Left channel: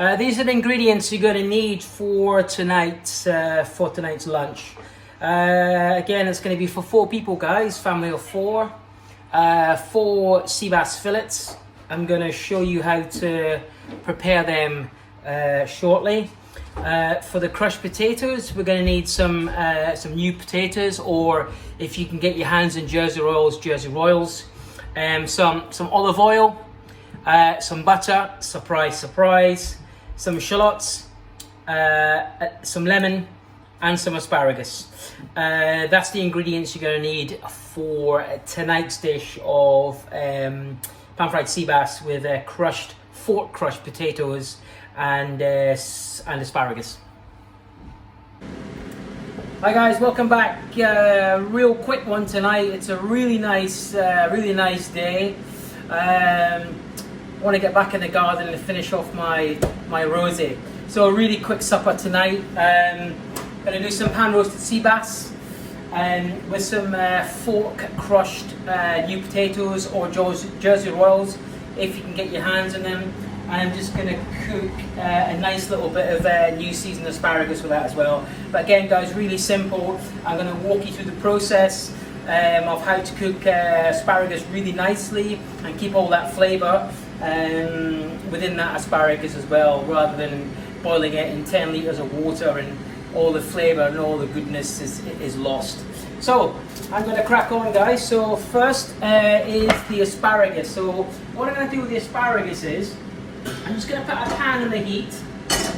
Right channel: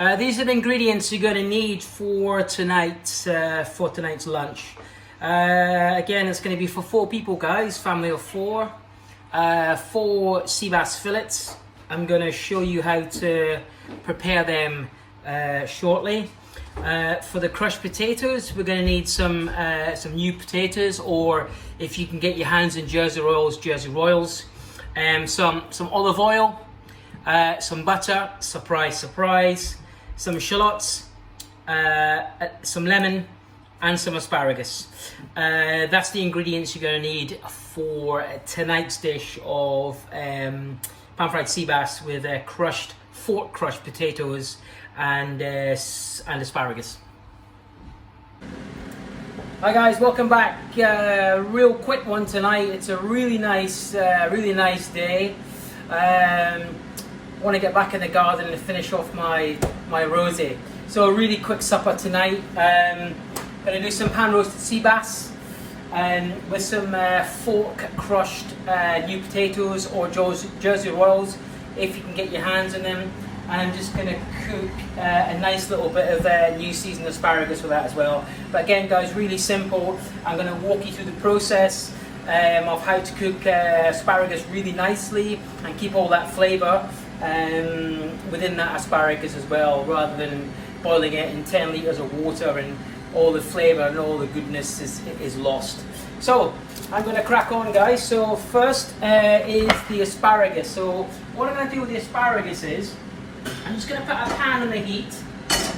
These are the ingredients you're going to need for tonight's lunch. Again, it's going to be for 4 people, guys, family of 4. 4 sea bass fillets. I'm going to show you how to prepare them shortly. For the crushed potatoes, we're going to need some new potatoes, or if you can get your hands on Jersey Royals, some olive oil, some butter, surprise, some shallots, some lemon, and some asparagus. That's the ingredients you're going to need for tonight's dish of pan-fried sea bass with fork crushed potatoes and asparagus. Hi guys, welcome back. Real quick one tonight. It's a really nice day. I want to get back in the garden and finish off my rosé. So a really quick supper tonight. Going to do some pan roasted sea bass with some fork crushed new potatoes or Jersey Royals if you can get your hands on them. And I'm just going to cook a nice little bit of new seasoned asparagus with that as well. But again, guys, really simple. I'm going to walk you through the process of how to cook asparagus really nicely and keep all that flavour within that asparagus as well, rather than boiling it in 10 litres of water and all the flavour and all the goodness is lost. So I'm going to crack on, guys. So first is the asparagus. So what I'm going to do with the asparagus is I'm just going to put a pan on the heat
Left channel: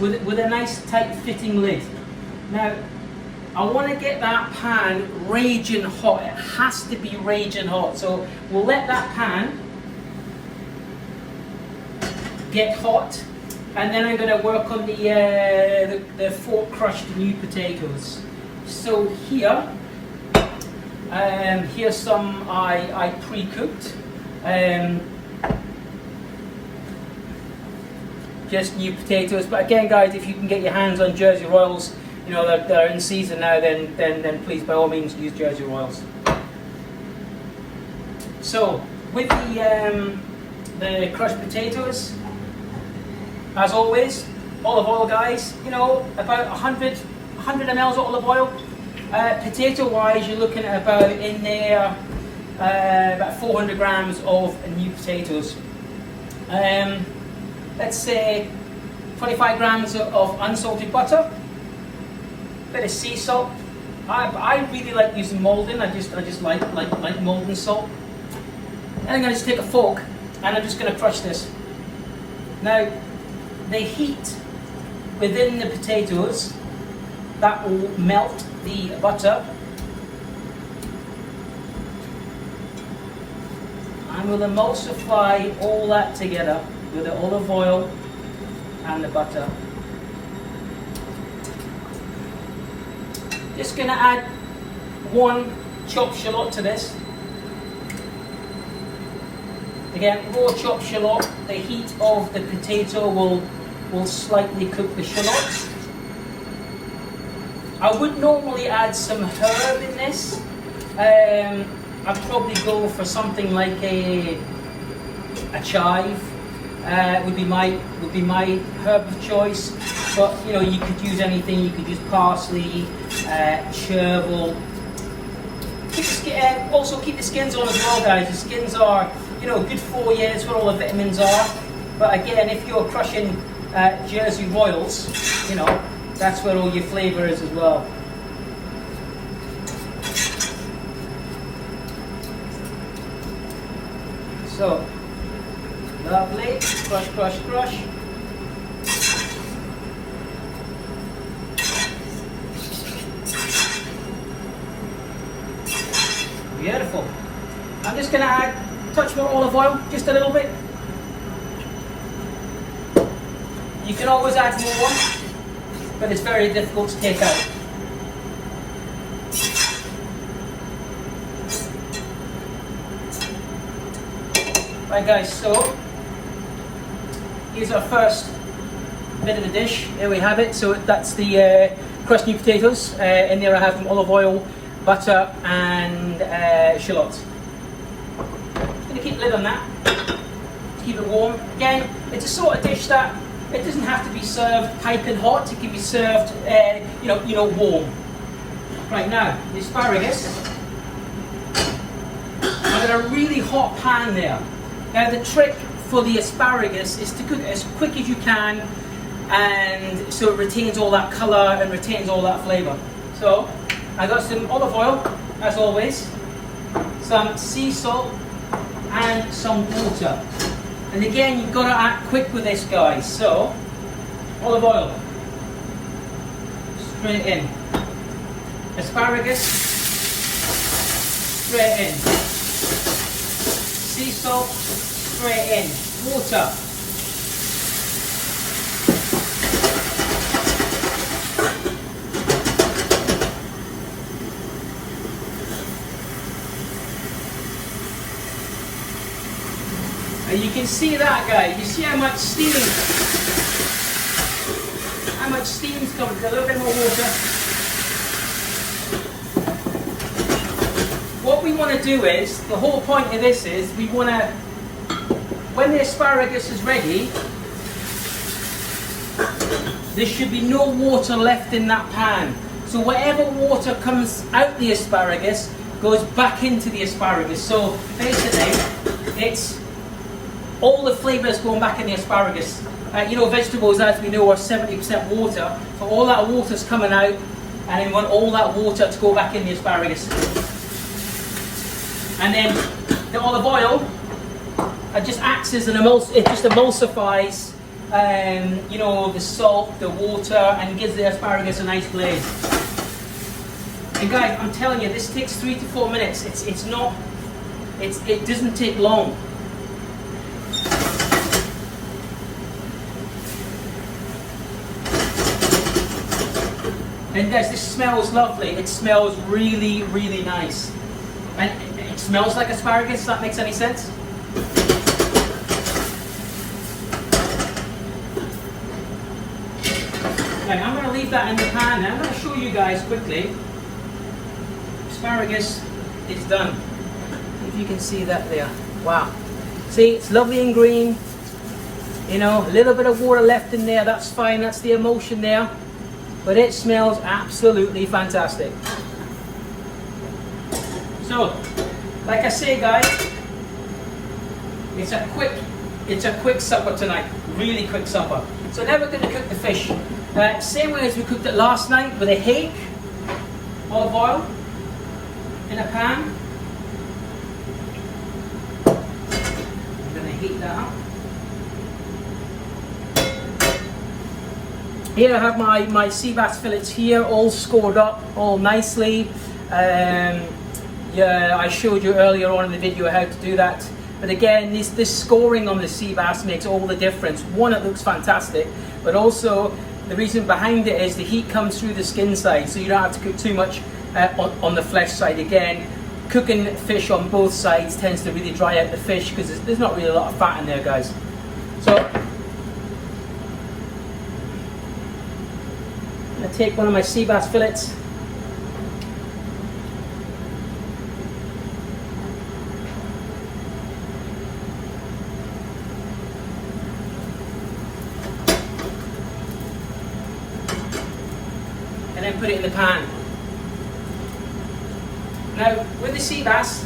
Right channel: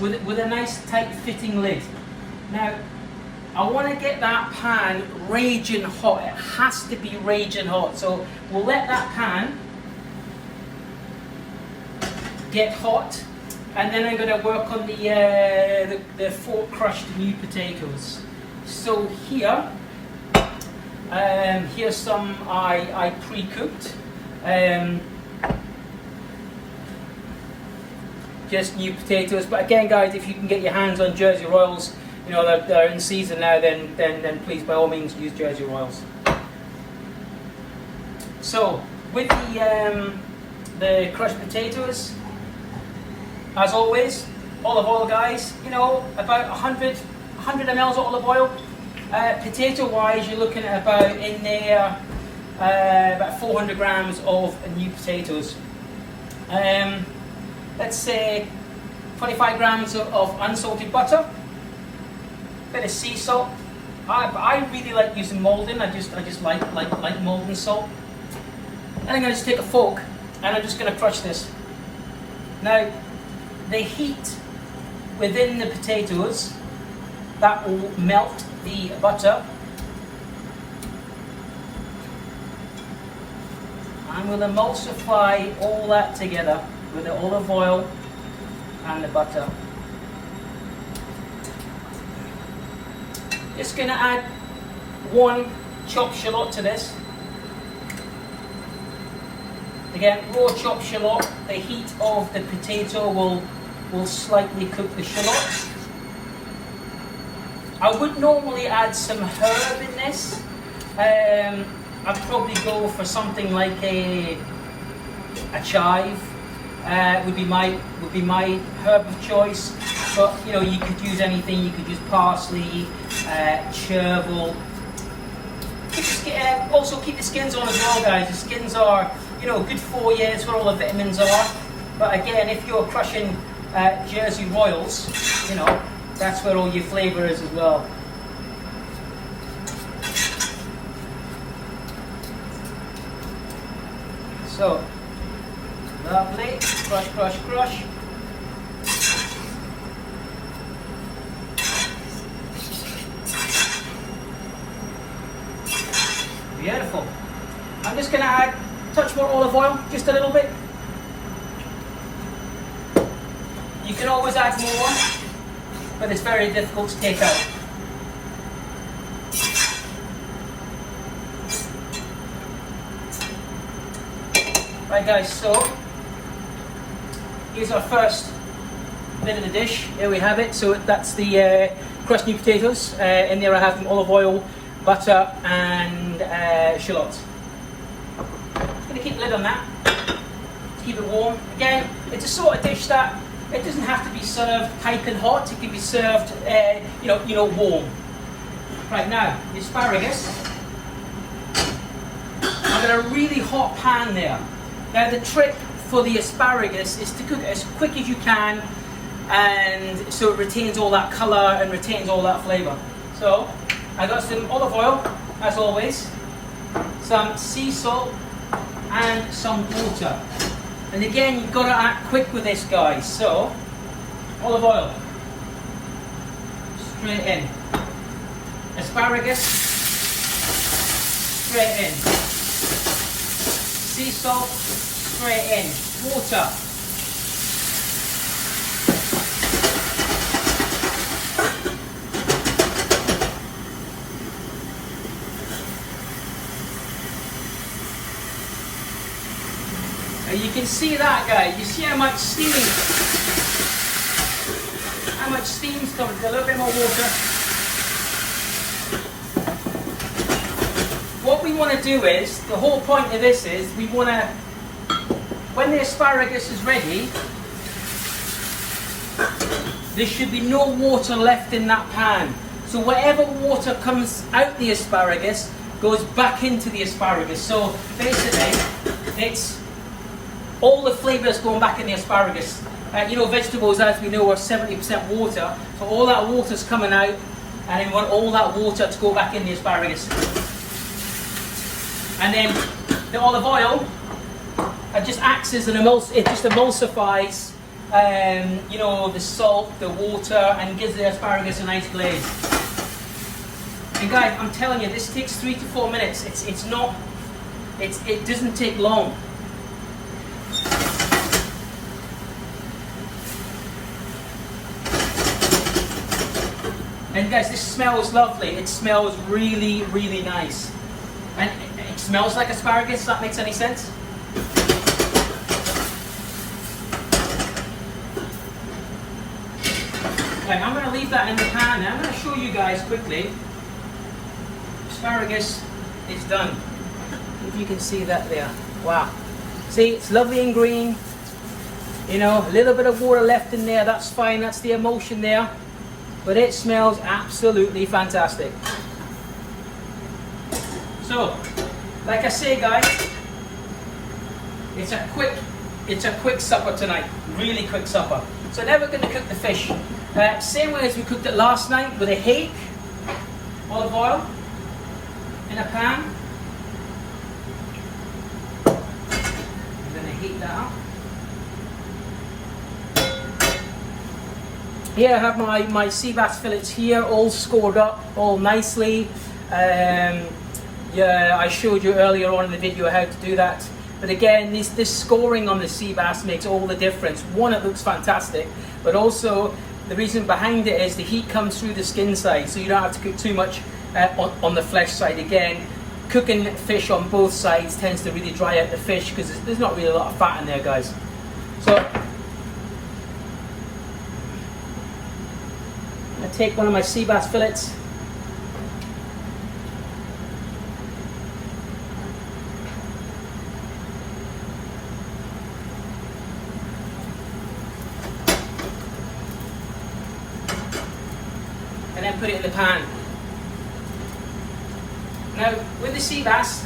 with a nice tight fitting lid. Now I want to get that pan raging hot. It has to be raging hot. So we'll let that pan get hot, and then I'm going to work on the fork crushed new potatoes. So here's some I pre-cooked. Just new potatoes, but again, guys, if you can get your hands on Jersey Royals, you know they're in season now, then please by all means use Jersey Royals. So with the crushed potatoes, as always, olive oil, guys. You know, about 100 ml of olive oil. Potato wise, you're looking at about in there about 400 grams of new potatoes. Let's say 25 grams of unsalted butter, bit of sea salt. I really like using Maldon. I just like Maldon salt. And I'm going to just take a fork and I'm just going to crush this. Now, the heat within the potatoes, that will melt the butter. And we'll emulsify all that together with the olive oil and the butter. Just going to add 1 chopped shallot to this. Again, raw chopped shallot. The heat of the potato will slightly cook the shallots. I would normally add some herb in this. I'd probably go for something like a chive. Would be my herb of choice, but you know, you could use anything. You could use parsley, chervil. Also keep the skins on as well, guys. The skins are, you know, good for you. It's where all the vitamins are. But again, if you're crushing Jersey Royals, you know, that's where all your flavour is as well. So. Lovely, crush, crush, crush. Beautiful. I'm just going to add a touch more olive oil, just a little bit. You can always add more, but it's very difficult to take out. Right, guys, so here's our first bit of the dish. Here we have it. So that's the crushed new potatoes. In there I have some olive oil, butter, and shallots. I'm going to keep the lid on that to keep it warm. Again, it's a sort of dish that It doesn't have to be served piping hot. It can be served, warm. Right now, the asparagus. I've got a really hot pan there. Now the trick for the asparagus is to cook it as quick as you can, and so it retains all that colour and retains all that flavour. So I got some olive oil, as always, some sea salt, and some water. And again, you've got to act quick with this, guys. So, olive oil, straight in. Asparagus, straight in. Sea salt, straight in. Water. And you can see that, guys. You see how much steam's coming. A little bit more water. What we want to do is, the whole point of this is, we want to, when the asparagus is ready, there should be no water left in that pan. So whatever water comes out the asparagus goes back into the asparagus. So basically, it's all the flavours going back in the asparagus. Vegetables, as we know, are 70% water. So all that water's coming out, and we want all that water to go back in the asparagus. And then the olive oil, it just acts as an it just emulsifies, the salt, the water, and gives the asparagus a nice glaze. And guys, I'm telling you, this takes 3 to 4 minutes. It doesn't take long. And guys, this smells lovely. It smells really, really nice. And it smells like asparagus, if that makes any sense. Okay, I'm going to leave that in the pan now. I'm going to show you guys quickly. Asparagus is done. If you can see that there. Wow. See, it's lovely and green. A little bit of water left in there. That's fine. That's the emulsion there. But it smells absolutely fantastic. So, like I say, guys, it's a quick supper tonight. Really quick supper. So now we're going to cook the fish. Same way as we cooked it last night, with a hake, olive oil in a pan. I'm going to heat that up. Here I have my sea bass fillets here, all scored up, all nicely. I showed you earlier on in the video how to do that. But again, this scoring on the sea bass makes all the difference. One, it looks fantastic, but also the reason behind it is the heat comes through the skin side, so you don't have to cook too much on the flesh side. Again, cooking fish on both sides tends to really dry out the fish because there's not really a lot of fat in there, guys. So I'm going to take one of my sea bass fillets. And then put it in the pan. Now, with the sea bass,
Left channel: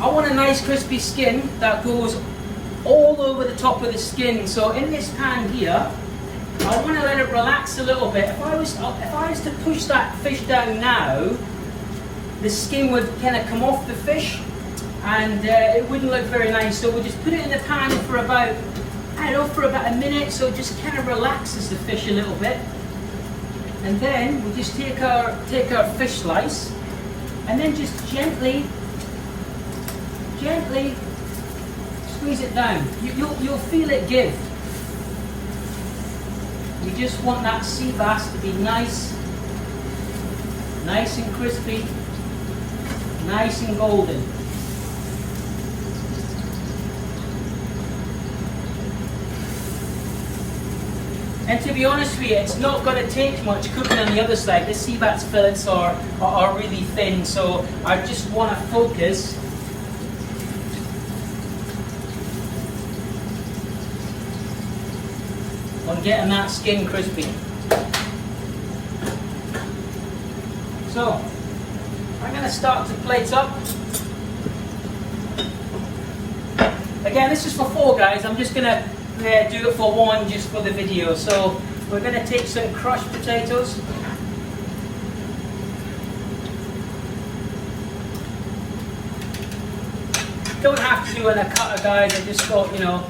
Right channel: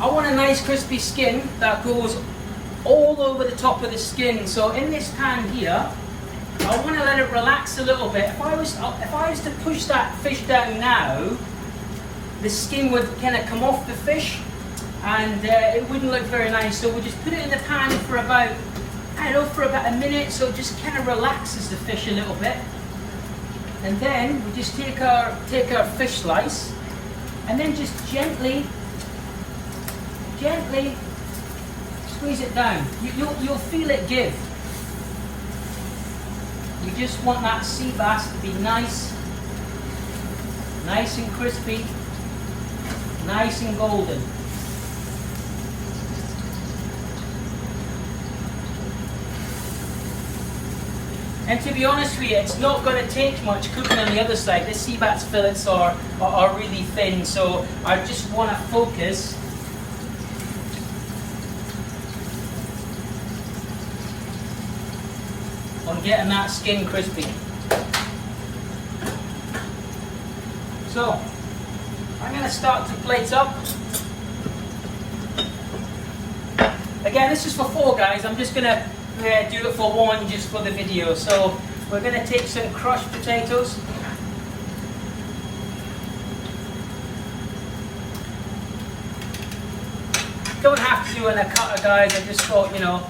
I want a nice crispy skin that goes all over the top of the skin. So in this pan here, I want to let it relax a little bit. If I was to push that fish down now, the skin would kind of come off the fish, and it wouldn't look very nice. So we'll just put it in the pan for about, for about a minute, so it just kind of relaxes the fish a little bit. And then we'll just take our fish slice, and then just gently squeeze it down. You'll feel it give. We just want that sea bass to be nice and crispy, nice and golden. And to be honest with you, it's not going to take much cooking on the other side. The sea bass fillets are really thin, so I just want to focus on getting that skin crispy. So I'm going to start to plate up. Again, this is for 4 guys. I'm just going to do it for 1 just for the video. So we're going to take some crushed potatoes. Don't have to do it in a cutter, guys. I just thought, you know,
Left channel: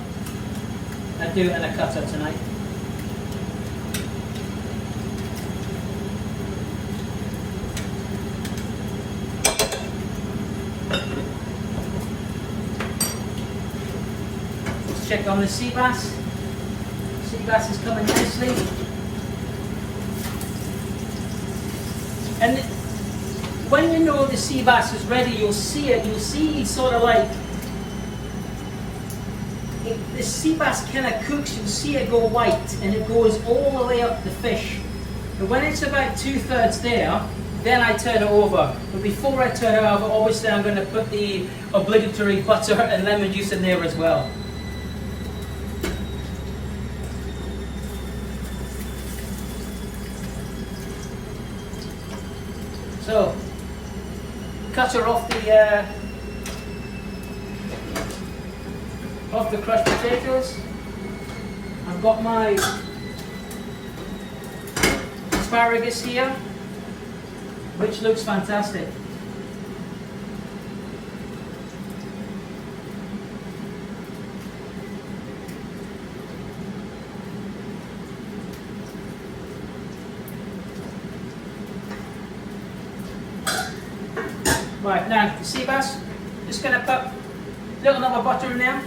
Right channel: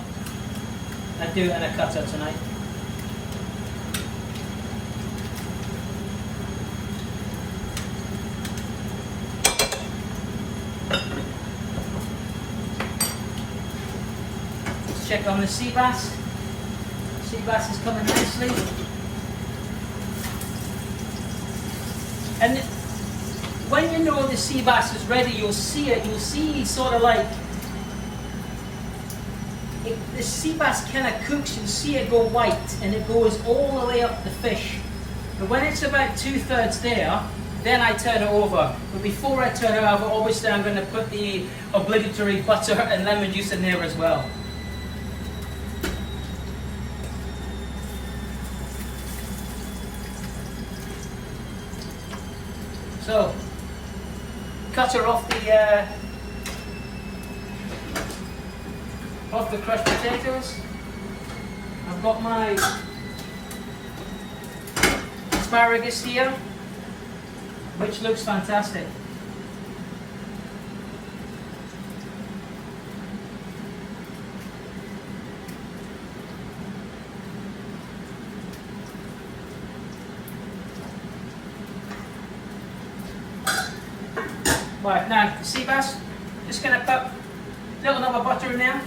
I'd do it in a cutter tonight. Let's check on the sea bass. Sea bass is coming nicely. And when you know the sea bass is ready, you'll see it. You'll see sort of like, if the sea bass kind of cooks, you'll see it go white and it goes all the way up the fish. But when it's about 2/3 there, then I turn it over. But before I turn it over, obviously I'm going to put the obligatory butter and lemon juice in there as well. So, cut her off the crushed potatoes. I've got my asparagus here, which looks fantastic. Right, now the sea bass, just going to put a little bit of butter in there.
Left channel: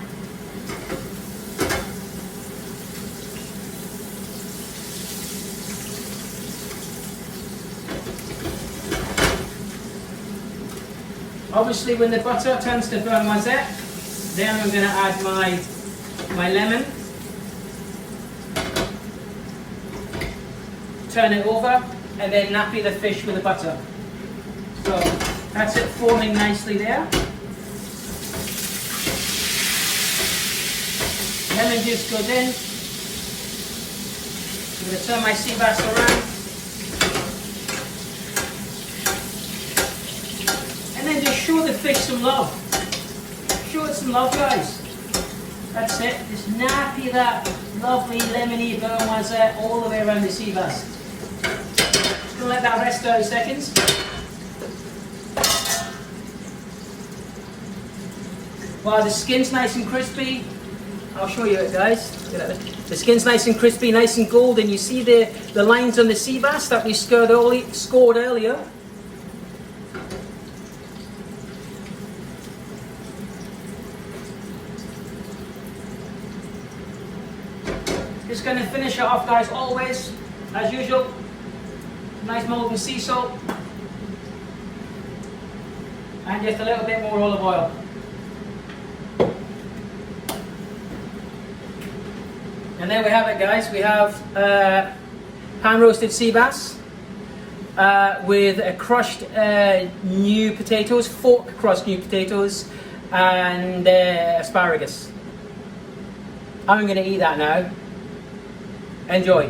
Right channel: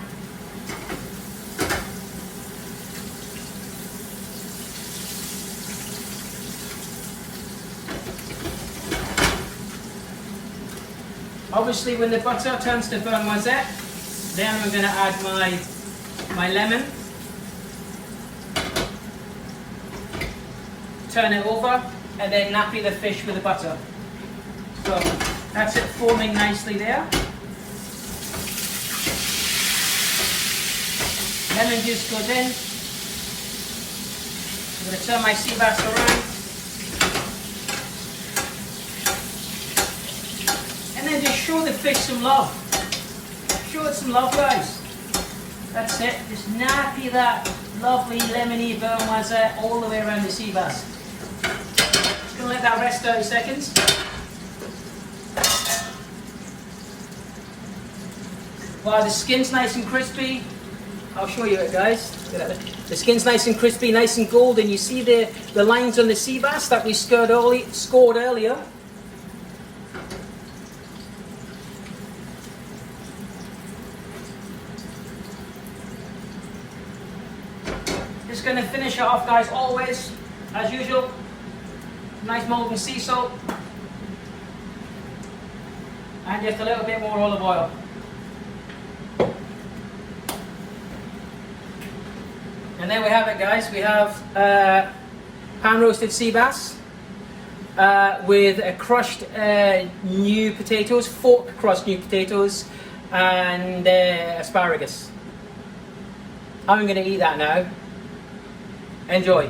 Obviously when the butter turns to vermouthette, then I'm going to add my lemon. Turn it over and then nappy the fish with the butter. So that's it forming nicely there. Lemon juice goes in. I'm going to turn my sea bass around. And then just show the fish some love. Show it some love, guys. That's it. Just nappy that lovely lemony vermouthette all the way around the sea bass. Just going to let that rest 30 seconds. While the skin's nice and crispy, I'll show you it, guys. The skin's nice and crispy, nice and golden. You see the lines on the sea bass that we scored earlier. Just going to finish it off, guys, always, as usual. Nice molten sea salt. And just a little bit more olive oil. And there we have it, guys. We have pan roasted sea bass with crushed new potatoes, fork crushed new potatoes, and asparagus. I'm going to eat that now. Enjoy.